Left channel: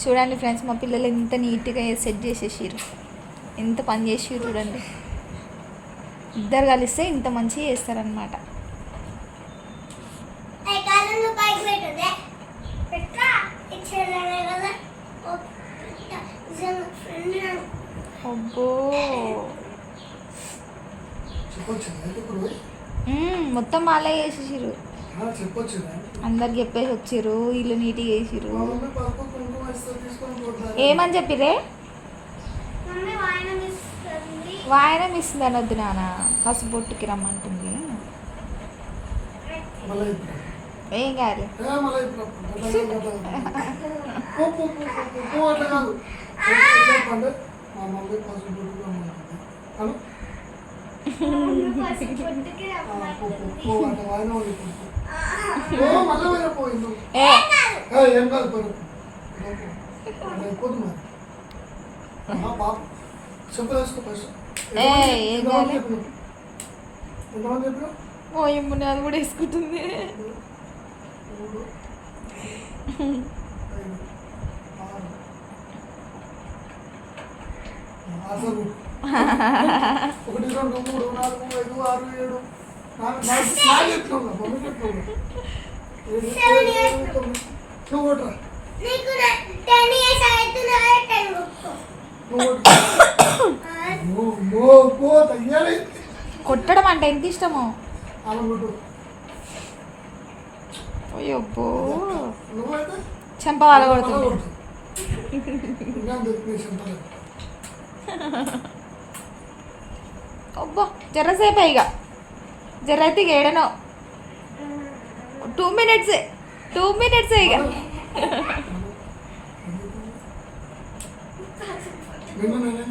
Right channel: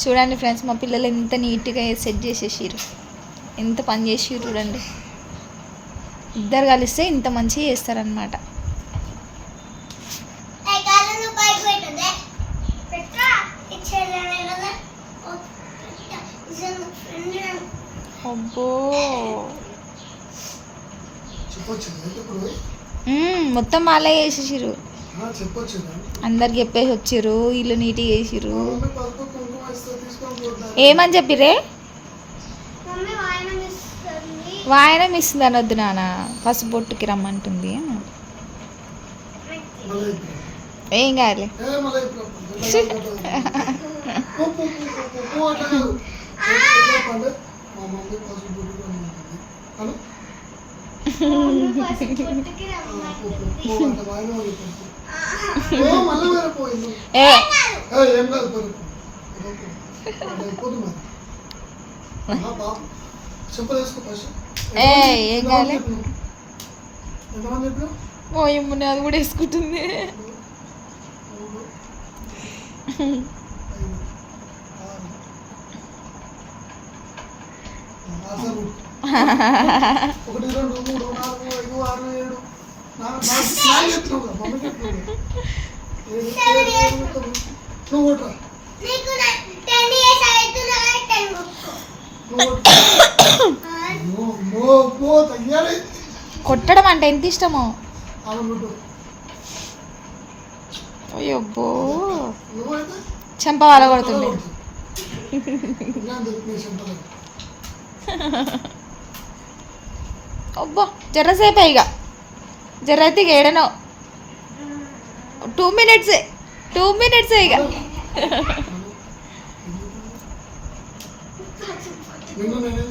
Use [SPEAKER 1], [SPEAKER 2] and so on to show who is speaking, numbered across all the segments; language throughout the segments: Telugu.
[SPEAKER 1] చూడండి ఫ్రెండ్స్ మా పిల్లలు ఎంత నీట్గా సెట్ చేసేసారు ఎంత పని చేసిర్రు చూడండి. ఇద్దరు కలిస్తే ఇంత మంచిగా చేస్తారనమాట
[SPEAKER 2] ఏ
[SPEAKER 1] మొత్తం వాళ్ళే చేసేసారు అందరికి చెప్పేసి వచ్చిర్రు ఇల్లు నీట్గా చేసిర్రు. ఏమని చెప్పిరే
[SPEAKER 2] మమ్మీ వాయనం ఇస్తుంది.
[SPEAKER 1] అనొద్దు నాన్న పసుపు బొట్టుకి రమ్మంటుంది. ఏం
[SPEAKER 3] కాదు. మా మమ్మీ
[SPEAKER 1] ఓ ఎమ్ముని అది కూడా వేసుకుంటుంది
[SPEAKER 3] మూడు ఐదు ఆరు అసలు ఒకటి రెండు మూడు నాలుగు ఐదు ఆరు ఏడు నువ్వు
[SPEAKER 1] కొట్టడం అంటే ఎంత ఇష్టమో? అయ్యబ్బో.
[SPEAKER 3] నువ్వైతే?
[SPEAKER 1] చెంప వాళ్ళ కొడుతుంది అబ్బో జర్రసేపే ఇక జర్ర అయితే ఇక ఏడనో టూ మినిట్స్ టూ మినిట్స్ ఇక
[SPEAKER 3] నిన్ను నేను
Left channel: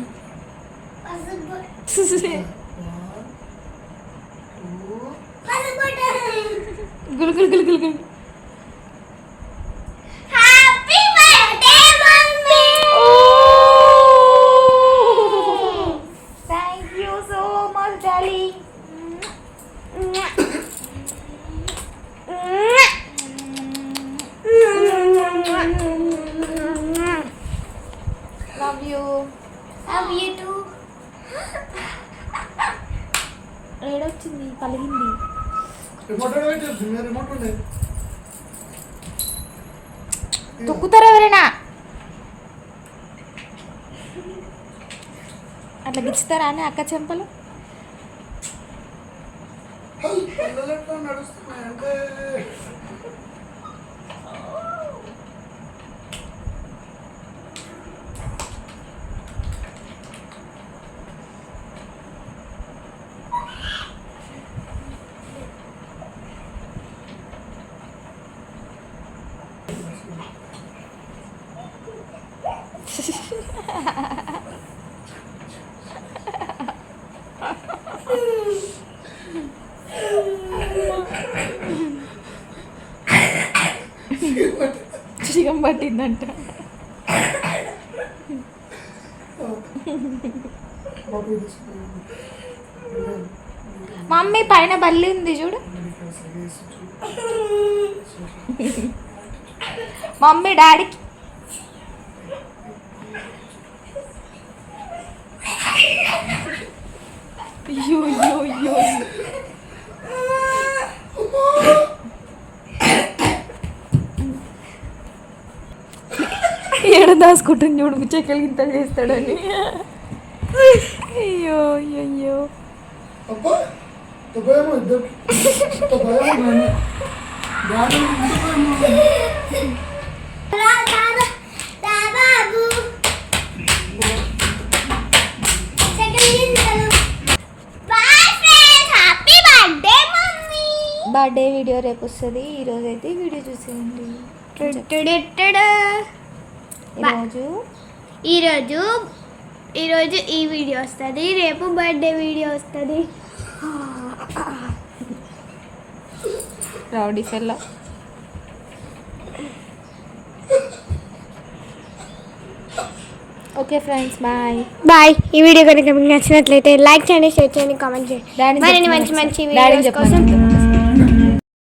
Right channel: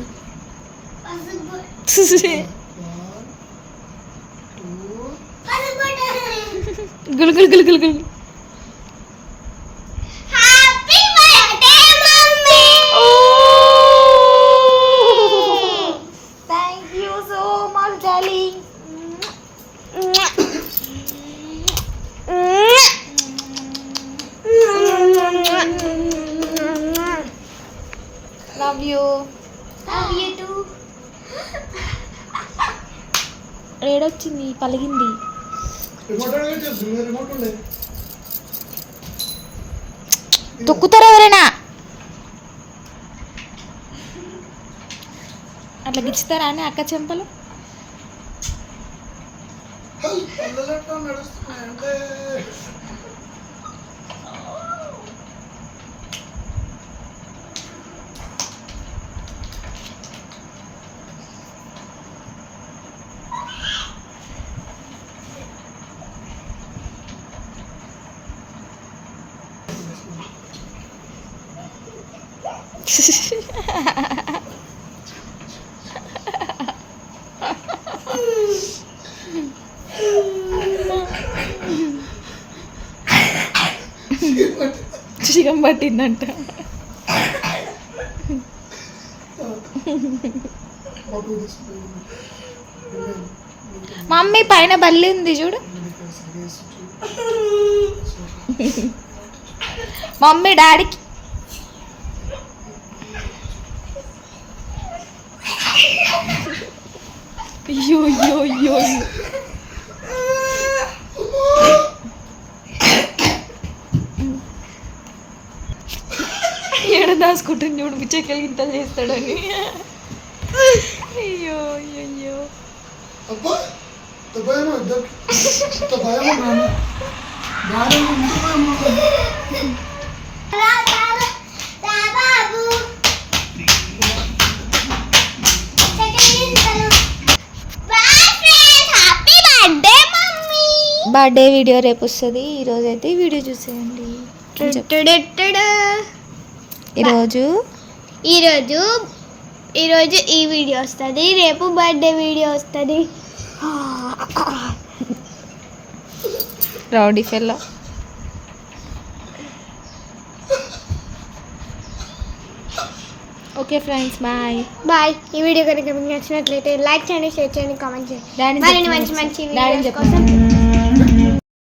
[SPEAKER 2] పసుపు
[SPEAKER 3] వన్ టూ
[SPEAKER 2] పసుపు
[SPEAKER 1] గులు గులు గులు గులు గులు ఏడొచ్చింది పలిగింది. తొక్కుతారు ఎవరైనా? అట్లా గిచ్చుతారా అని అక్క చెంపలు?
[SPEAKER 3] పిల్లలు
[SPEAKER 1] పట్టిందంట. మమ్మీ పైన బల్లి ఉంది చూడు. మమ్మీ డాడీకి అయ్యో అయ్యో అయ్యో. ఏడ దాచుకుంటుంది చూడు పిచ్చకెళ్ళి ఇంత చేస్తాడని. అయ్యో అయ్యో అయ్యో.
[SPEAKER 2] బర్త్డే
[SPEAKER 1] వీడియో రేపు వస్తుంది. ఈరోజు అయితే ఈ వీడియో చూసేయండి. ఈరోజు
[SPEAKER 2] ఈరోజు ఈరోజు ఈ వీడియో వస్తుంది. రేపు బర్త్డే వీడియో వస్తుంది.
[SPEAKER 1] Rowdy fellow? Okay friends bye
[SPEAKER 2] bye ఈ వీడియో కనుక మీకు నచ్చినట్లయితే లైక్ చేయండి షేర్ చేయండి కామెంట్ చేయండి మంచి
[SPEAKER 1] మంచి.
[SPEAKER 2] వీడియోస్. కోసం